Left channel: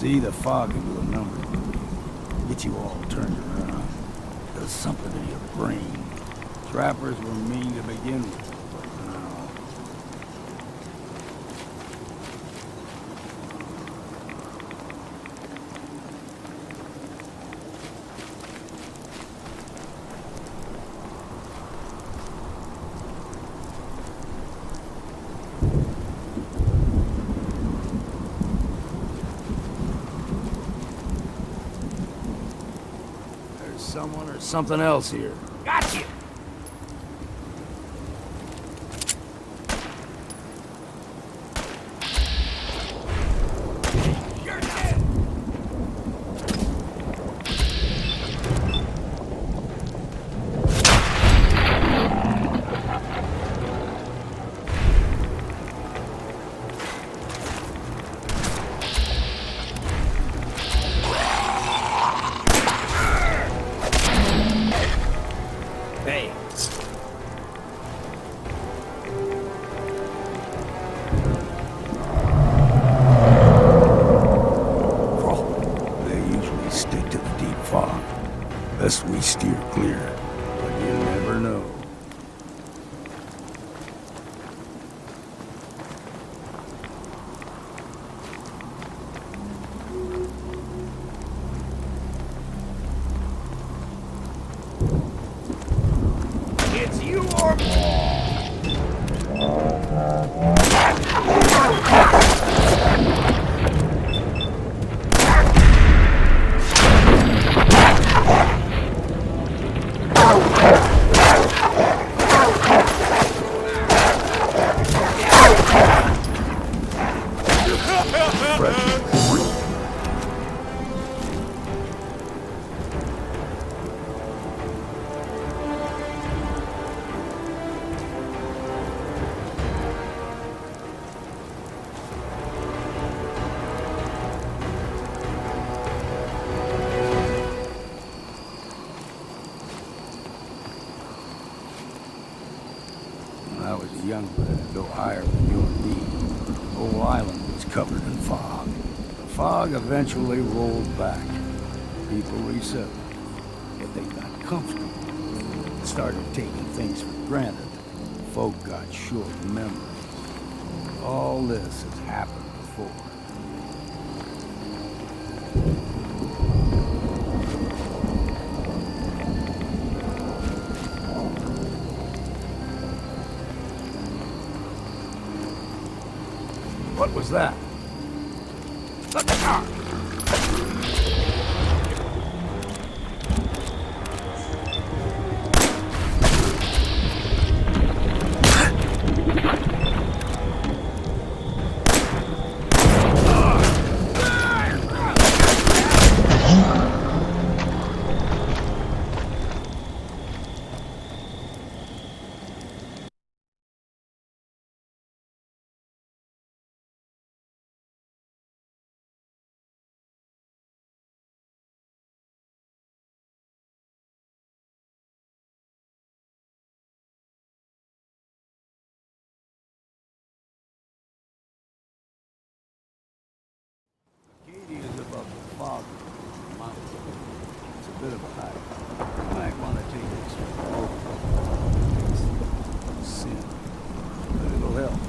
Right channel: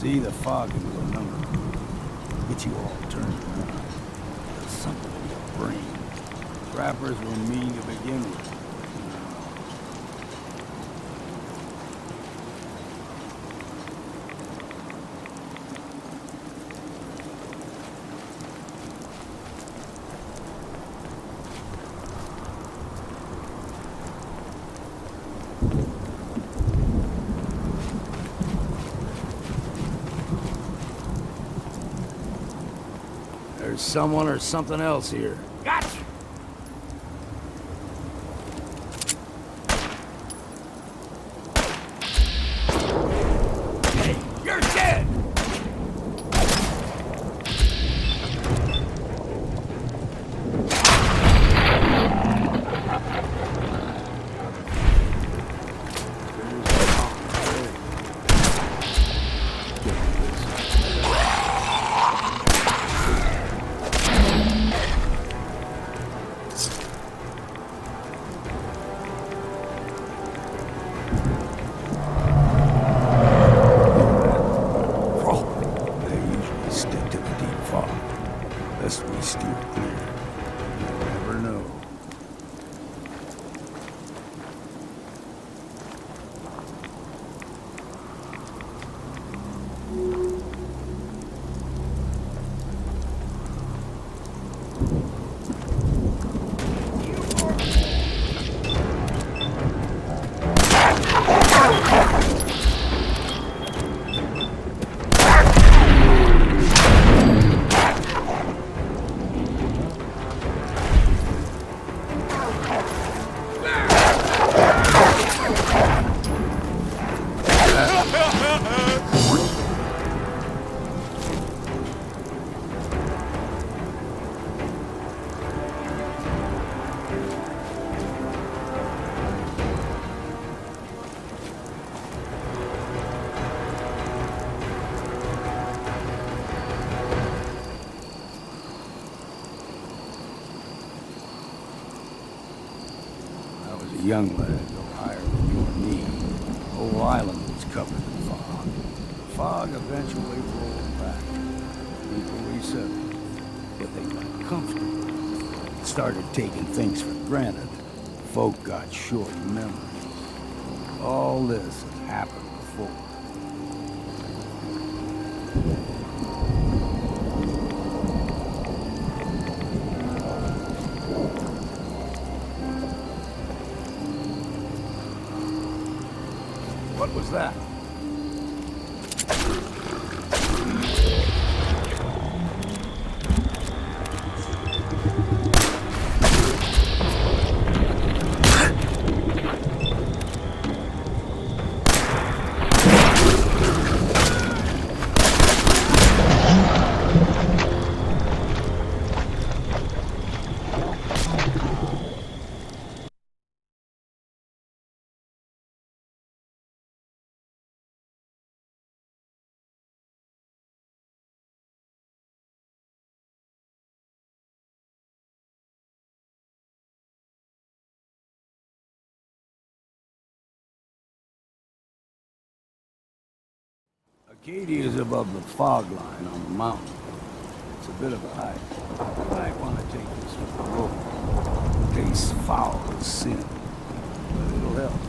See, the fog can do a number. Get you all turned around. Does something to your brain. Trappers were mean to begin with, but now... There's someone or something else here. Gotcha! You're dead! Best we steer clear, but you never know. It's you or When I was a young lad, no higher than your knee, the whole island was covered in fog. The fog eventually rolled back. People resettled, but they got comfortable. Started taking things for granted. Folk got short memories. All this has happened before. What was that? Arcadia is above the fog line on the mountain. It's a bit of a hike. You might want to take this for the road. It tastes foul and sin, but it'll help.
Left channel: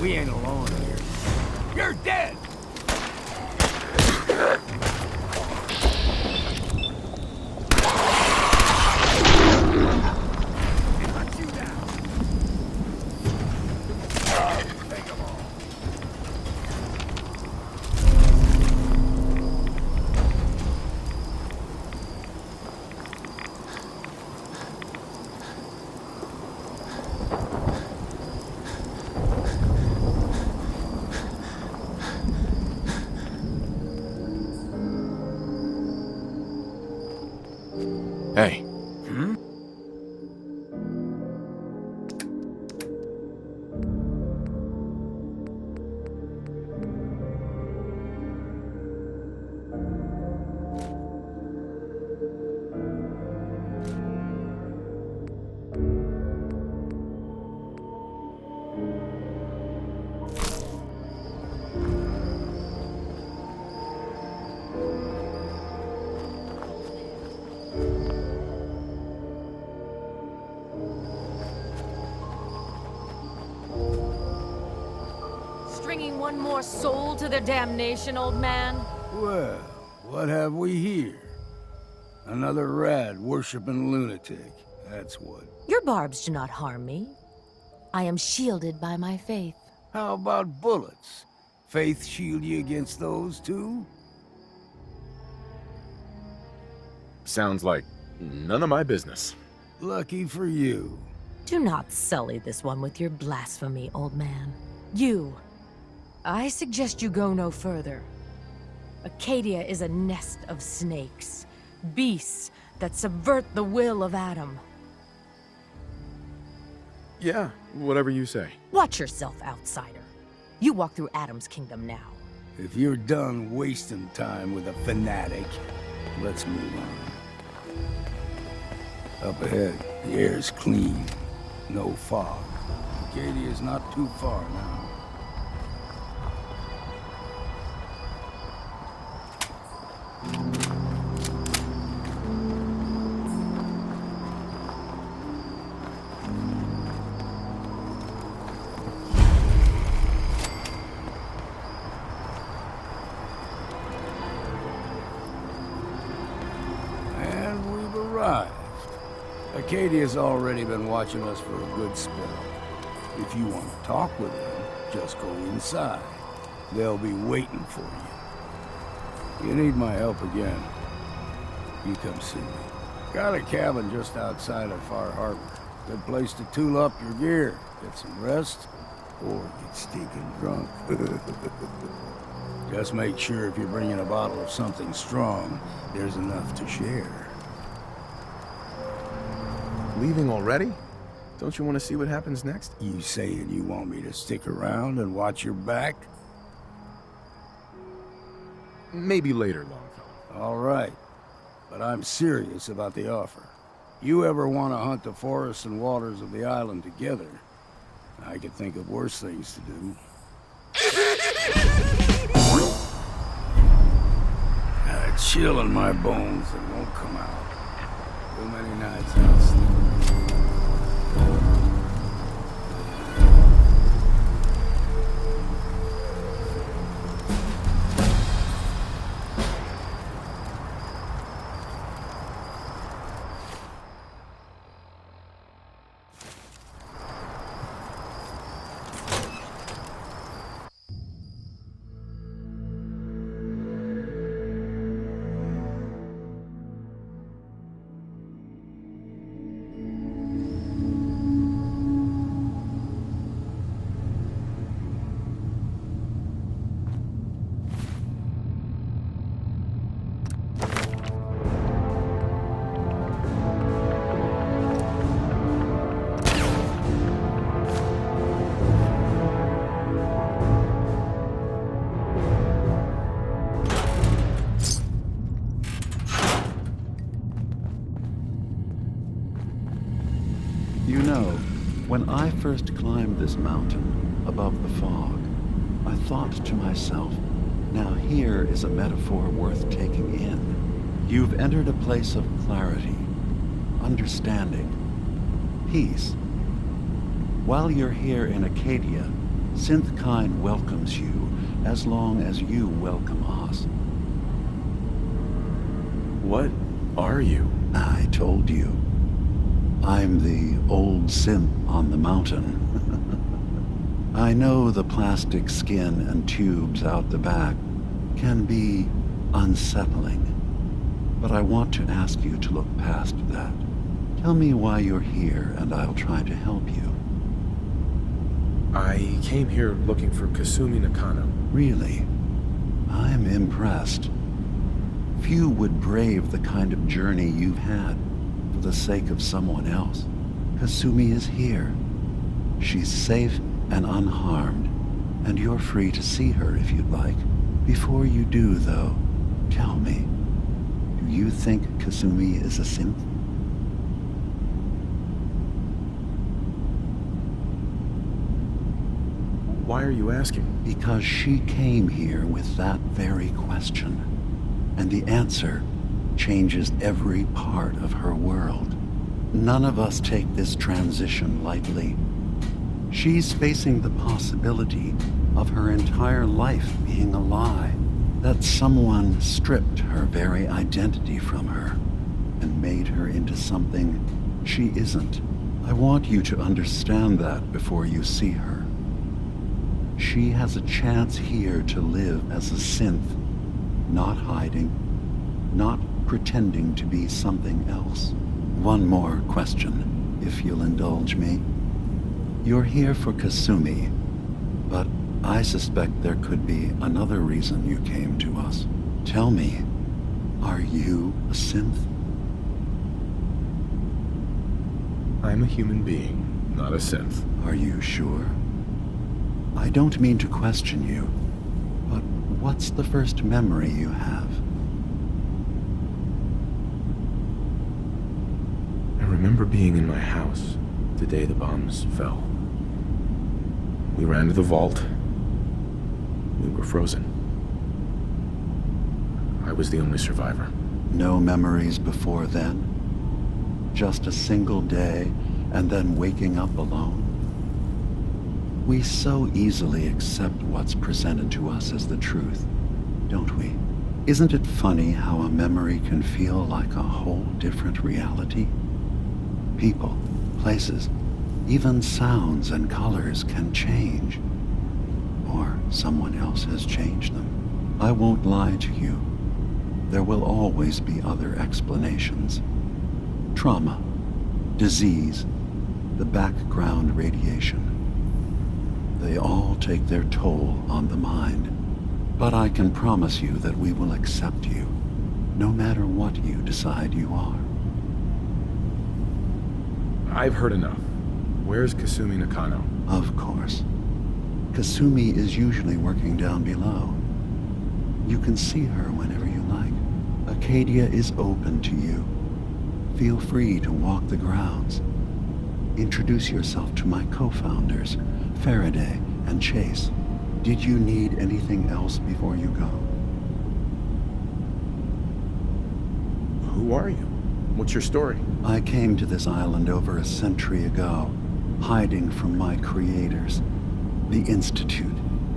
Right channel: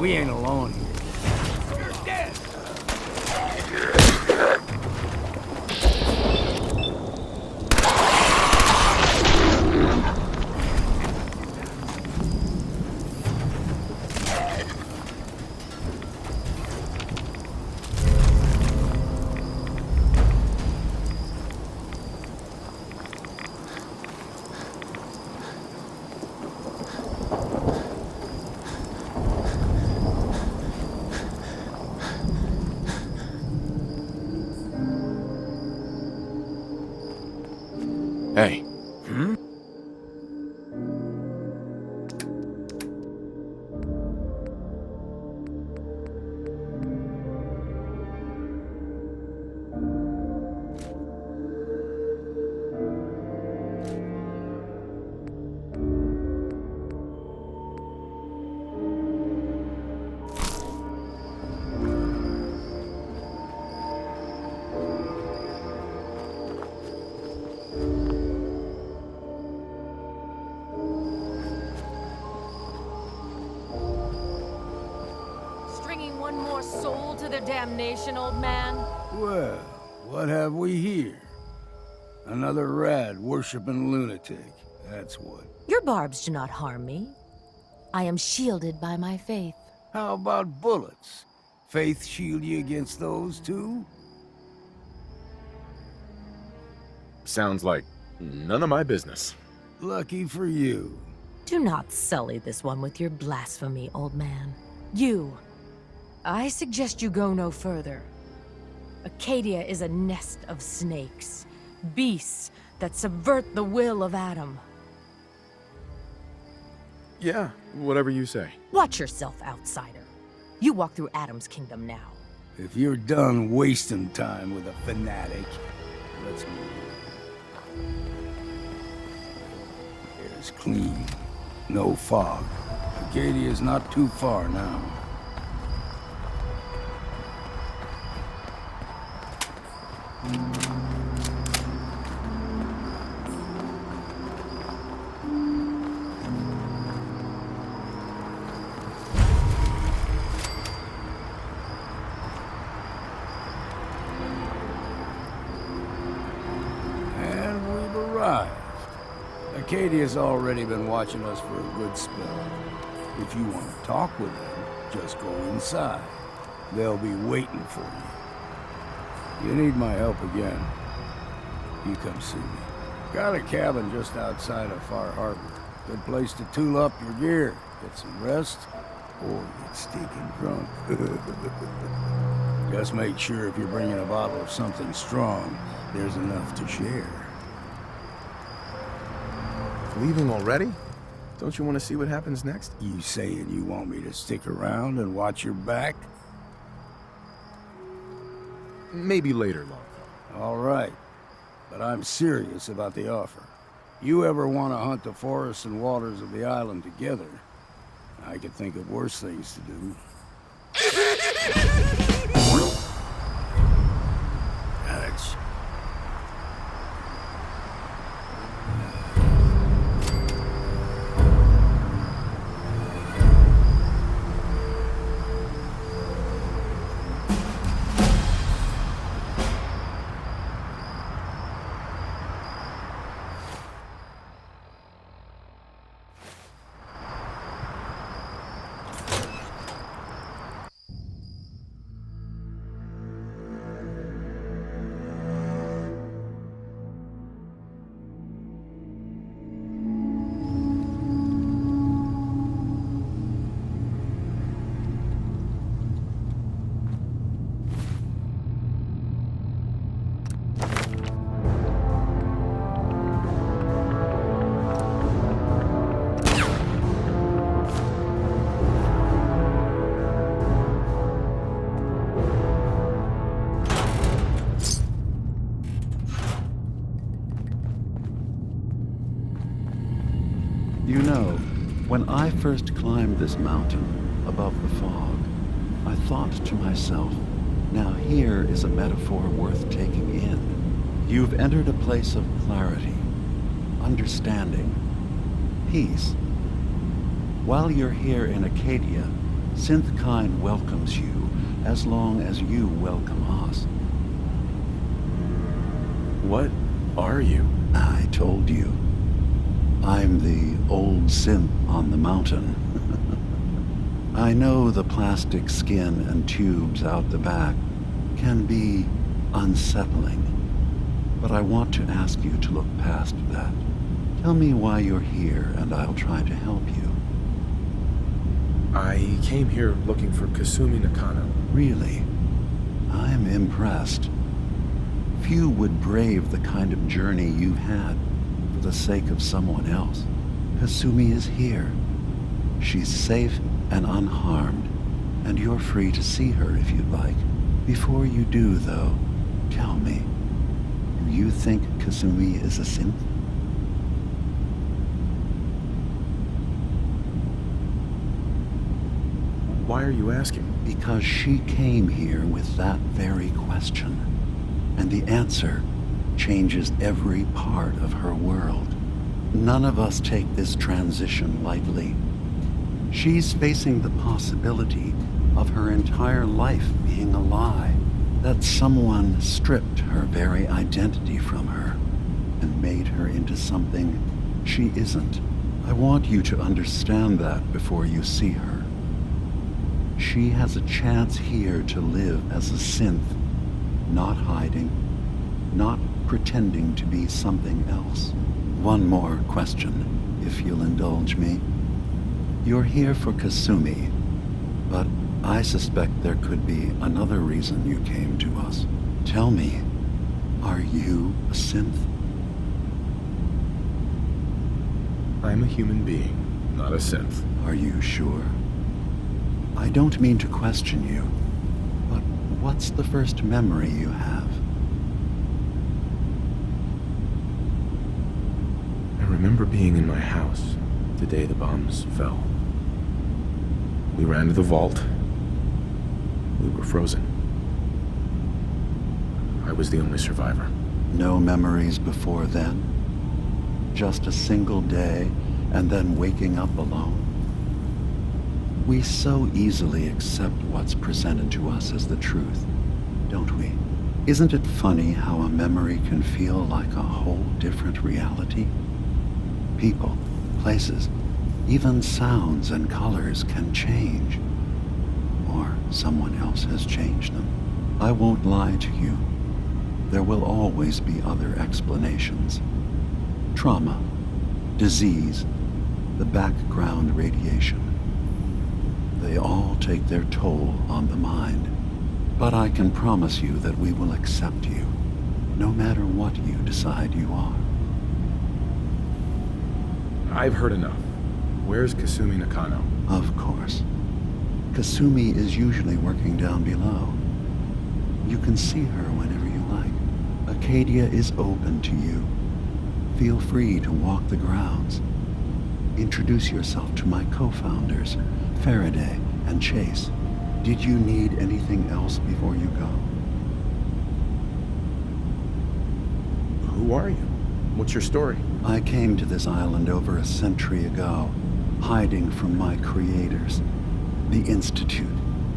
We ain't alone here. you're dead! one more soul to their damnation, old man? Well, what have we here? Another rad-worshipping lunatic, that's what. Your barbs do not harm me. I am shielded by my faith. How about bullets? Faith shield you against those, too? Sounds like none of my business. Lucky for you. Do not sully this one with your blasphemy, old man. You. I suggest you go no further. Arcadia is a nest of snakes. Beasts that subvert the will of Adam. Yeah, whatever you say. Watch yourself, outsider. You walk through Adam's kingdom now. If you're done wasting time with a fanatic, let's move on. Up ahead, the air's clean. No fog. Arcadia's not too far now. And we've arrived. Arcadia's already been watching us for a good spell. If you want to talk with them, just go inside. They'll be waiting for you. You need my help again, you come see me. Got a cabin just outside of Far Harbor. Good place to tool up your gear, get some rest, or get stinking drunk. Just make sure if you're bringing a bottle of something strong, there's enough to share. Leaving already? Don't you want to see what happens next? You saying you want me to stick around and watch your back? Maybe later, Longfellow. All right, but I'm serious about the offer. You ever want to hunt the forests and waters of the island together, I could think of worse things to do. Got a chill in my bones that won't come out. Too many nights I sleep. You know, when I first climbed this mountain above the fog, I thought to myself, now here is a metaphor worth taking in. You've entered a place of clarity, understanding, peace. While you're here in Arcadia, Synthkind welcomes you as long as you welcome us. What are you? I told you. I'm the old synth on the mountain. I know the plastic skin and tubes out the back can be unsettling, but I want to ask you to look past that. Tell me why you're here and I'll try to help you. I came here looking for Kasumi Nakano. Really? I'm impressed. Few would brave the kind of journey you've had for the sake of someone else. Kasumi is here. She's safe and unharmed, and you're free to see her if you'd like. Before you do, though, tell me, do you think Kasumi is a synth? Why are you asking? Because she came here with that very question, and the answer changes every part of her world. None of us take this transition lightly. She's facing the possibility of her entire life being a lie, that someone stripped her very identity from her and made her into something she isn't. I want you to understand that before you see her. She has a chance here to live as a synth, not hiding, not pretending to be something else. One more question, if you'll indulge me. You're here for Kasumi, but I suspect there could be another reason you came to us. Tell me, are you a synth? I'm a human being, not a synth. Are you sure? I don't mean to question you, but what's the first memory you have? I remember being in my house the day the bombs fell. We ran to the vault. We were frozen. I was the only survivor. No memories before then? Just a single day, and then waking up alone? We so easily accept what's presented to us as the truth, don't we? Isn't it funny how a memory can feel like a whole different reality? People, places, even sounds and colors can change. Or someone else has changed them. I won't lie to you. There will always be other explanations. Trauma, disease, the background radiation. They all take their toll on the mind. But I can promise you that we will accept you, no matter what you decide you are. I've heard enough. Where's Kasumi Nakano? Of course. Kasumi is usually working down below. You can see her whenever you like. Arcadia is open to you. Feel free to walk the grounds. Introduce yourself to my co-founders, Faraday and Chase. Did you need anything else before you go? Who are you? What's your story? I came to this island over a century ago, hiding from my creators, the Institute.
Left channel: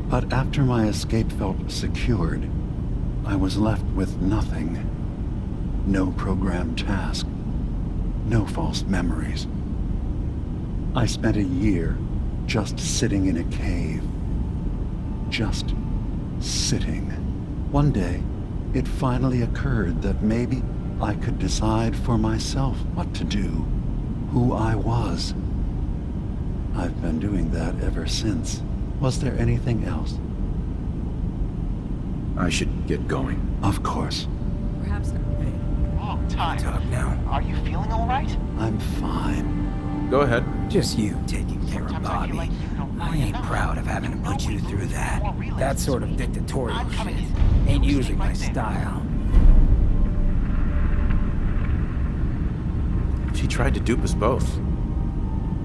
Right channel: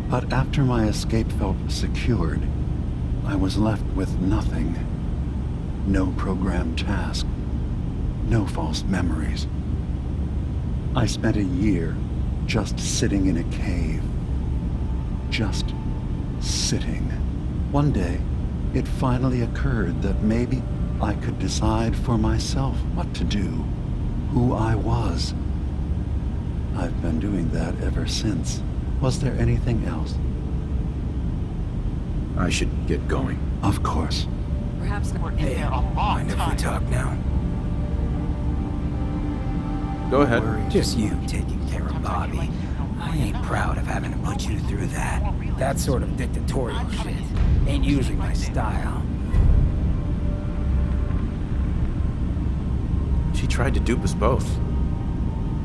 But after my escape felt secured, I was left with nothing. No programmed task. No false memories. I spent a year just sitting in a cave. Just sitting. One day, it finally occurred that maybe I could decide for myself what to do, who I was. I've been doing that ever since. Was there anything else? I should get going. Of course. Perhaps we're in Hey, there a long mind if we time. talk now? Are you feeling all right? I'm fine. Go ahead. Just you taking care of Bobby. I ain't proud of having to put you through that. That sort of dictatorial shit ain't usually my style. She tried to dupe us both.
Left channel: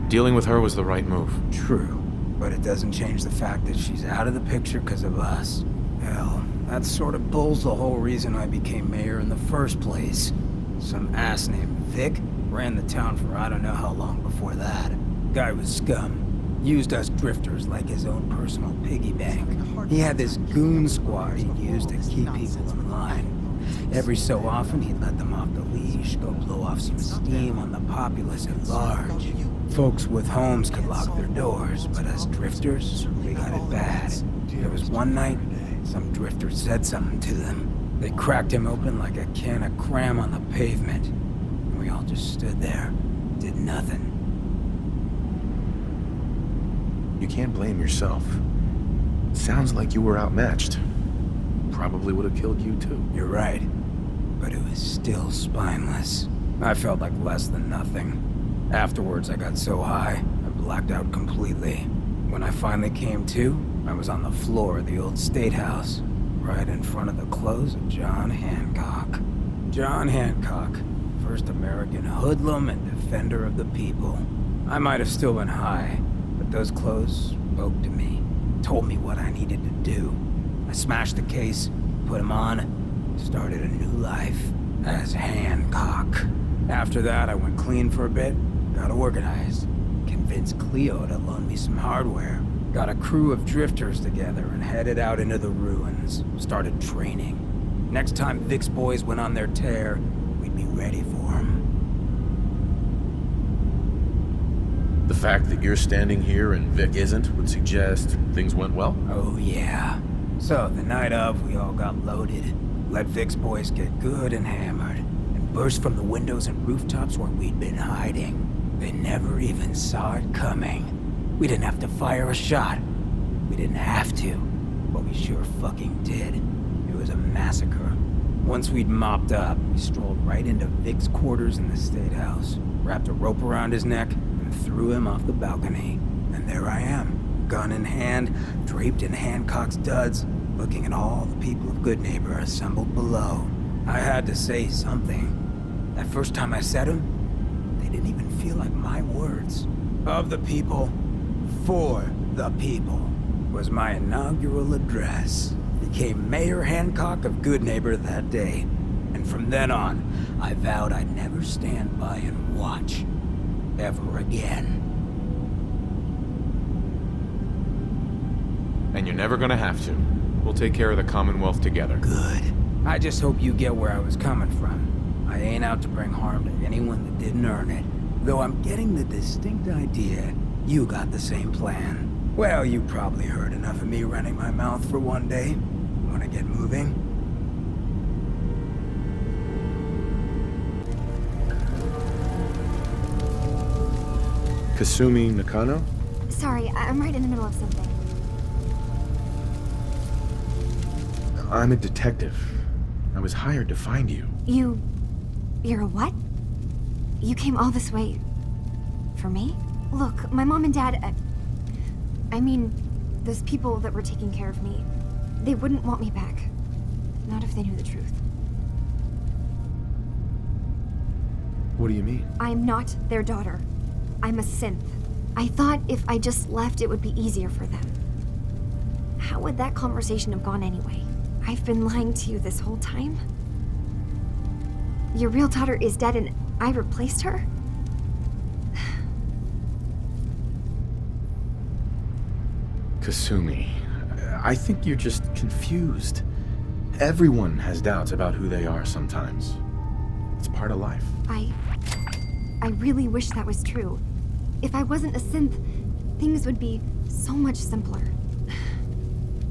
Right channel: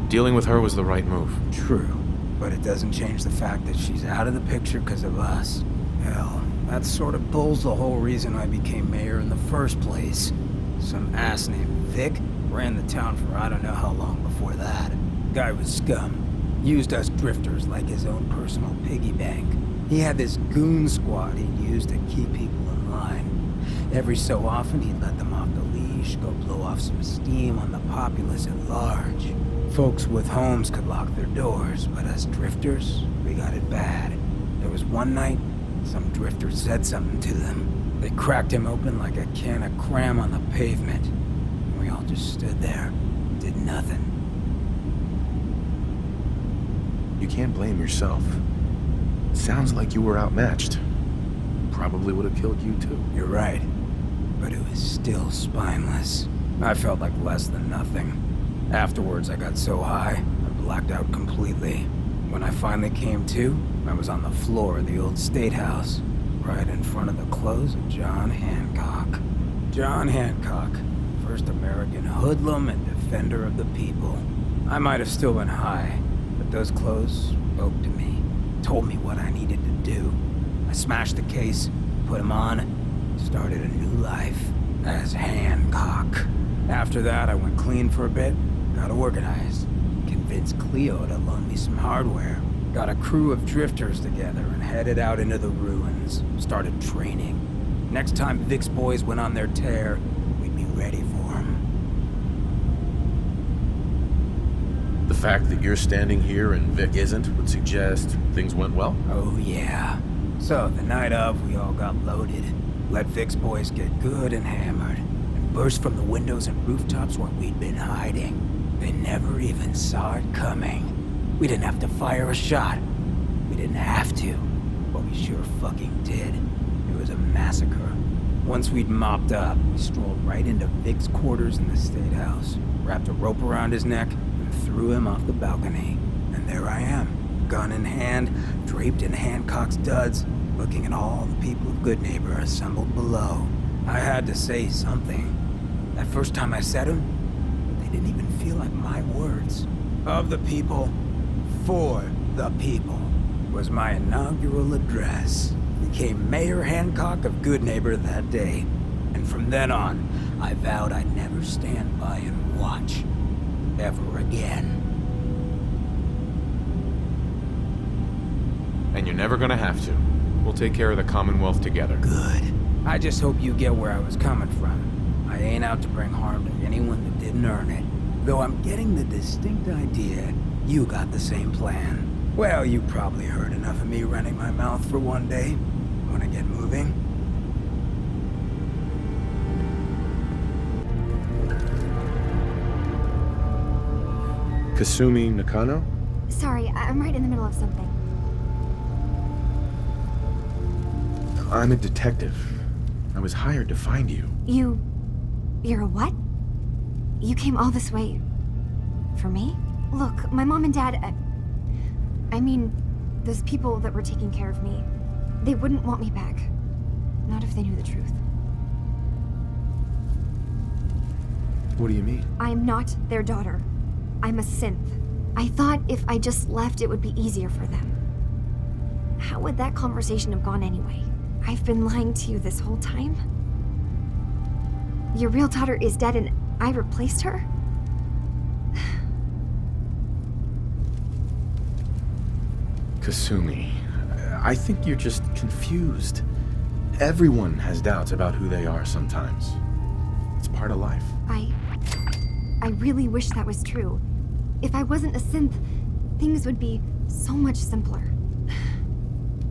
Dealing with her was the right move. True, but it doesn't change the fact that she's out of the picture because of us. Hell, that sort of pulls the whole reason I became mayor in the first place. Some ass named Vic ran the town for I don't know how long before that. Guy was scum. Used us drifters like his own personal piggy bank. He had this goon squad he'd use to keep people in line. Every so often he'd let them off the leash, go blow off some steam on the populace at large. Folks with homes could lock their doors, but us drifters, we got it bad. There was one night, some drifter said something to them. They cracked him open like a can of cram on the pavement. And we all just stood there, did nothing. You can't blame yourself. Sounds like you were outmatched. Probably would have killed you too. You're right, but it was still spineless. I felt like less than nothing. Afterwards, I got so high, I blacked out completely. When I finally came to, I was on the floor of the old state house, right in front of the clothes of John Hancock. John Hancock, first American hoodlum and defender of the people. I might have still been high, but those clothes spoke to me, told me what I needed to do. I smashed the case, put him on, started a new life as Hancock. After that, I went clean for a bit, got organized, convinced Cleo to loan me some hardware. Got a crew of drifters together and headed out into the ruins. Started training. Next time Vic's boys went on their tear, we'd be ready for them. The fact that you're standing here and Vic isn't would suggest things went well? Oh yeah. So, the night of, we all got loaded. Let Vic's boys get good and hammered. And burst from the windows and rooftops where we'd been hiding. They never even saw it coming. We didn't have to fire a shot. We didn't have to. But we sure fucking did. It was a massacre. Once we'd mopped up, we strolled right into Vic's quarters in the State House. Wrapped a rope around his neck and threw him off the balcony. And there I am, gun in hand, draped in Hancock's duds, looking at all the people of Goodneighbor assembled below. I had to say something. That first time I said them, they didn't even feel like my words. Of the people, for the people, was my inaugural address. Became Mayor Hancock of Goodneighbor that day. And from then on, I vowed I'd never stand by and watch. Ever again. And you're never gonna have to. We'll take care of the Commonwealth together. Good. I just hope you get where I was coming from. I ain't out to bring harm to anyone that didn't earn it. Though I'm getting the distinct idea you got the same plan. Well, you probably heard enough of me running my mouth for one day. Wanna get moving? Kasumi Nakano? Sorry, I'm right in the middle of something. I'm a detective. I was hired to find you. You're a what? You came all this way... for me? Look, my mom and dad... I mean, those people that were taking care of me, they wouldn't want me back. Not if they knew the truth. What do you mean? I'm not their daughter. I'm a synth. I thought if I just left, it would be easier for them. How would that conversation have gone anyway? I've been lying to you this whole time? Your real daughter is dead and I replaced her? Kasumi, I think you're just confused. Everyone has doubts about who they are sometimes. It's part of life. I really wish that was true. If I wasn't a synth, things would be so much simpler.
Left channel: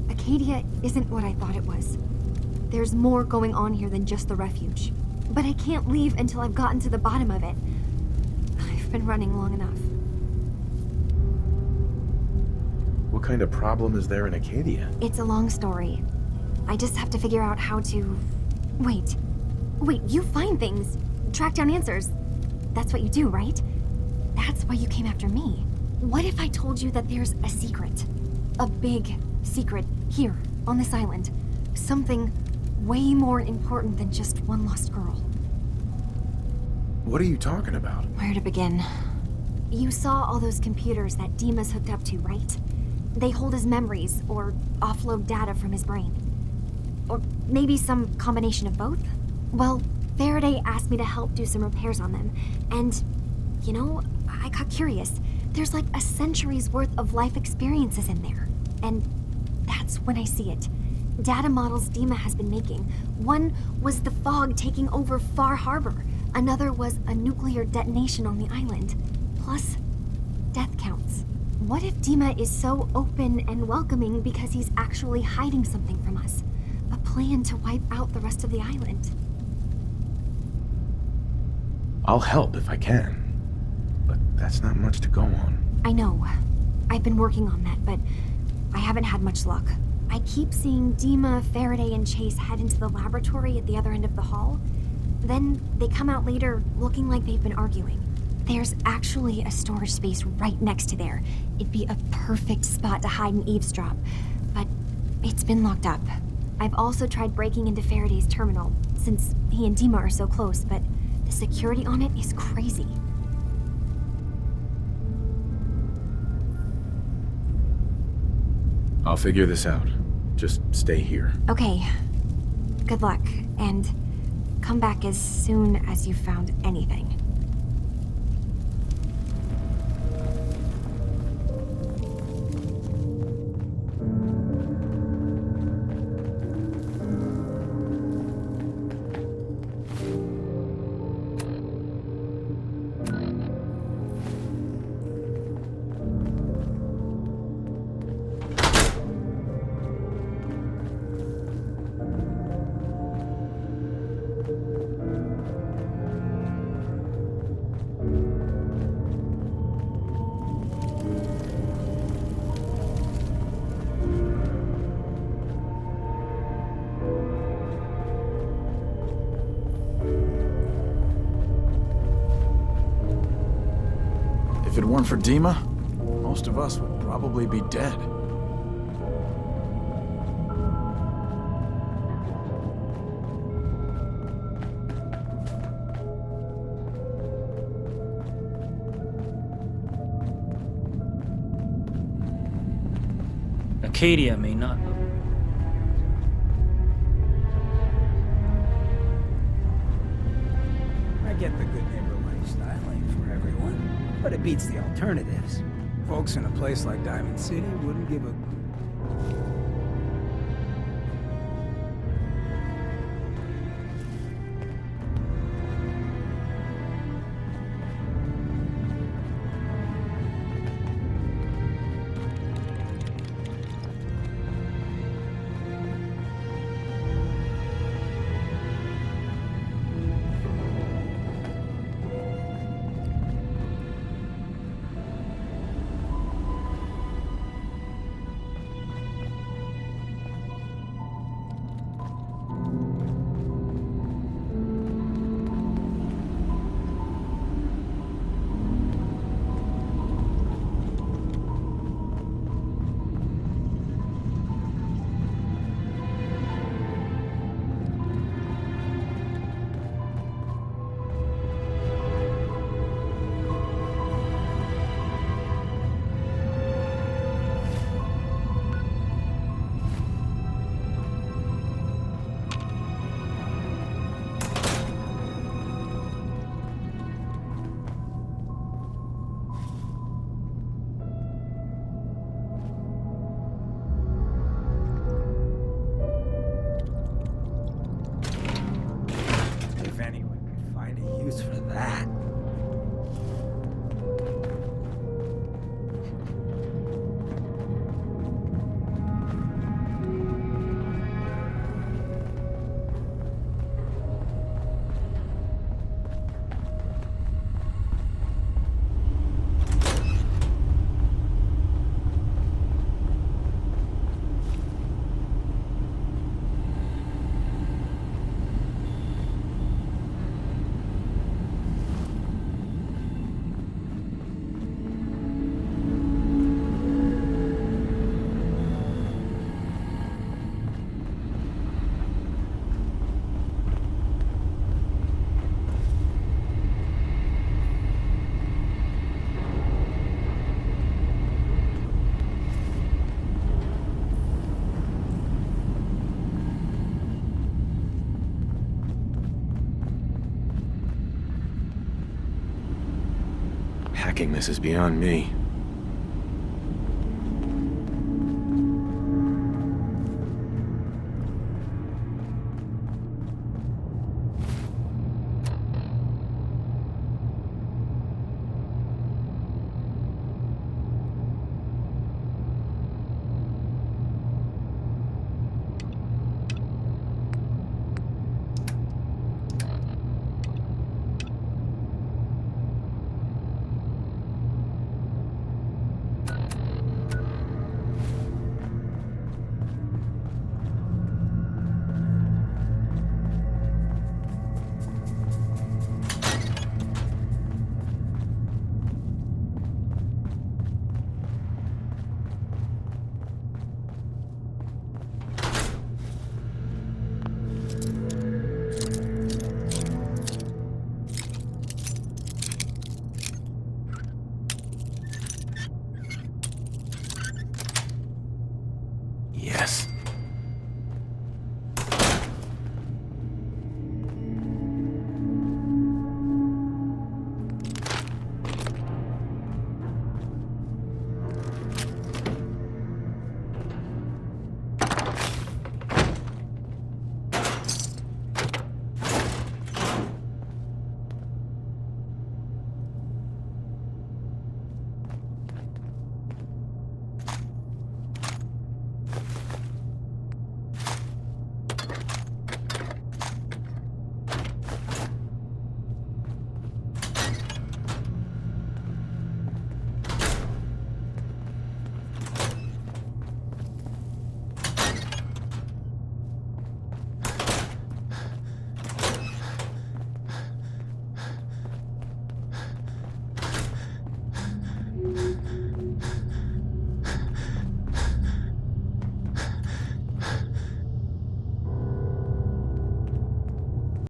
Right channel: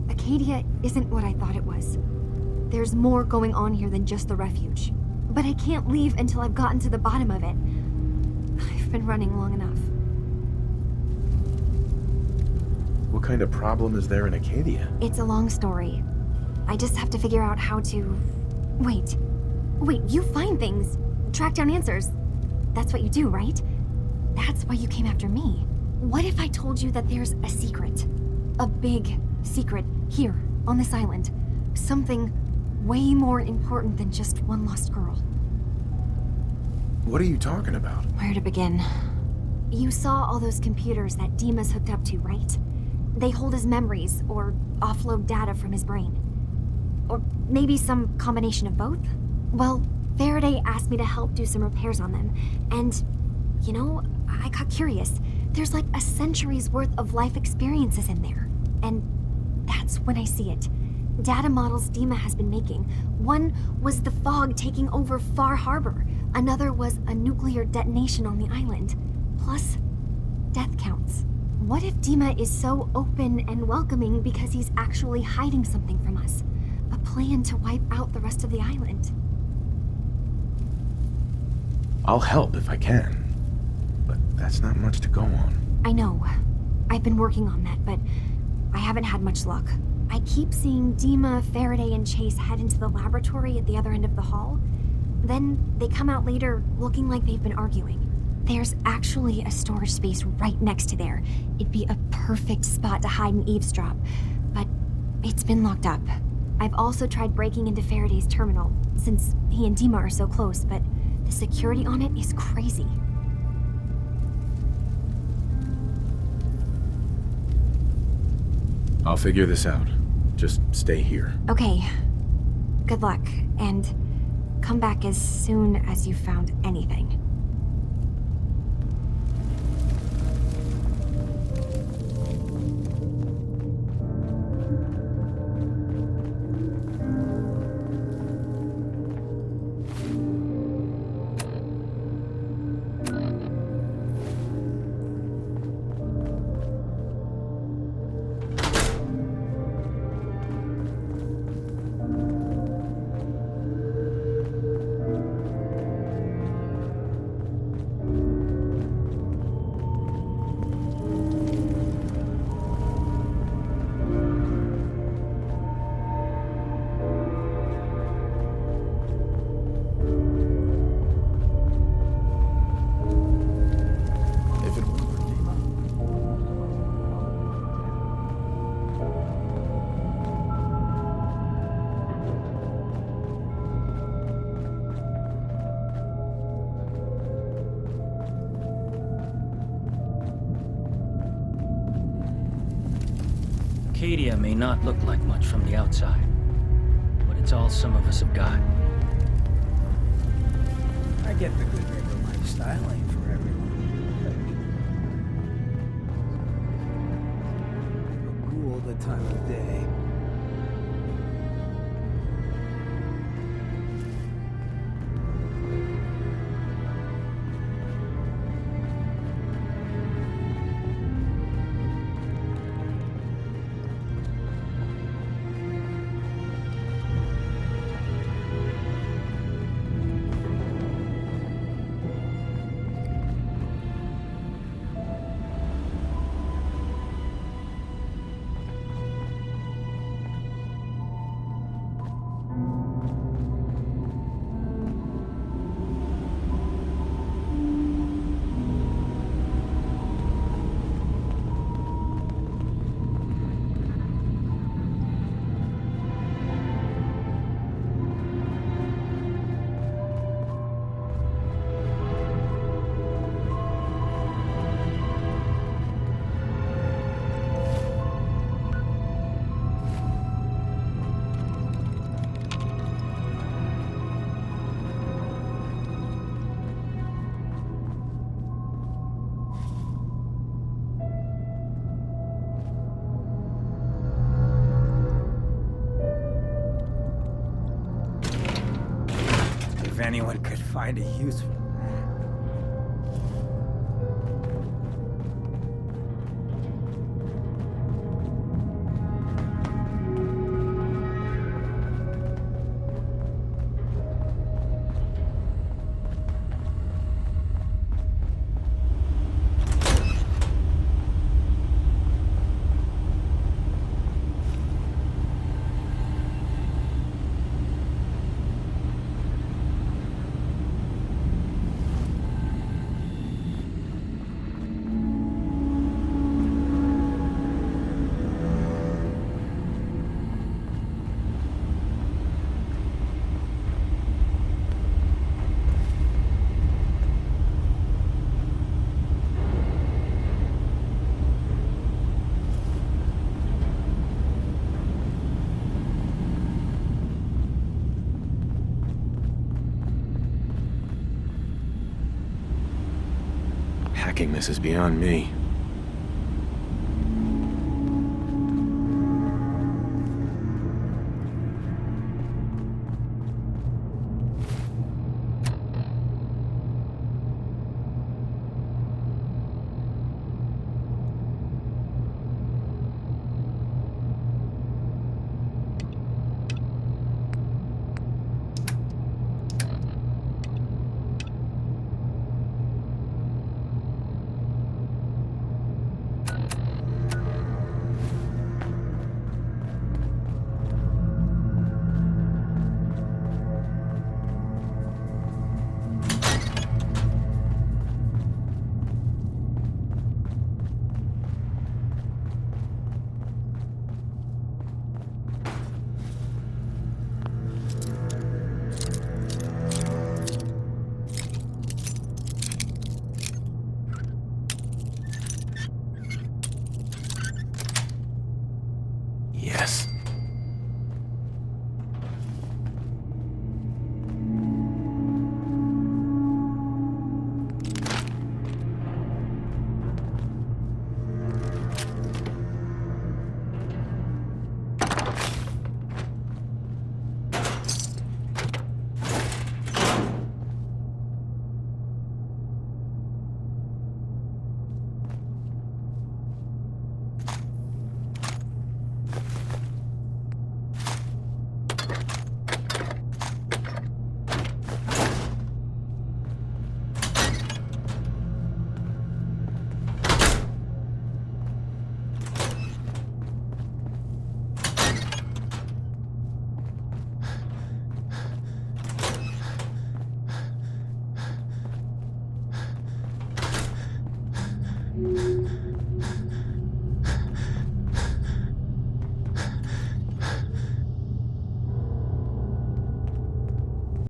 Arcadia isn't what I thought it was. There's more going on here than just the refuge. But I can't leave until I've gotten to the bottom of it. I've been running long enough. What kind of problem is there in Arcadia? It's a long story. I just have to figure out how to... Wait, you find things. Track down answers. That's what you do, right? That's why you came after me. What if I told you that there's a secret? A big secret here, on this island. Something way more important than just one lost girl. What are you talking about? Where to begin? You saw all those computers that Dima's hooked up to, right? They hold his memories, or offload data from his brain. Or maybe some combination of both? Well, Faraday asked me to help do some repairs on them, and, you know, I got curious. There's like a century's worth of life experiences in there. And that's when I see it. Data models Dima has been making. One was the fog taking over Far Harbor. Another was a nuclear detonation on the island. Plus, death counts. What if Dima is so open and welcoming because he's actually hiding something from us? A plan to wipe out the rest of the island. I'll help if I can, but that's not much to go on. I know. I've been working on that, but I haven't had much luck. I keep seeing Dima, Faraday, and Chase head into the laboratory at the other end of the hall. Then they come out later looking like they've been arguing. There's actually a storage space right next to there. It'd be a perfect spot to hide and eavesdrop, but it's been locked up. I've also tried breaking into Faraday's terminal, since he and Dima are so close, but the security on it is crazy. I'll figure this out. Just stay here. Okay. Good luck, and come back as soon as you've found anything. Dima, most of us would probably be dead. Arcadia may not look like much from the outside, but it's all some of us have got. I get the good neighbor lifestyle ain't for everyone, but it beats the alternatives. Folks in a place like Diamond City wouldn't give a ghoul the time of day. If anyone could find a use for that. Hacking this is beyond me.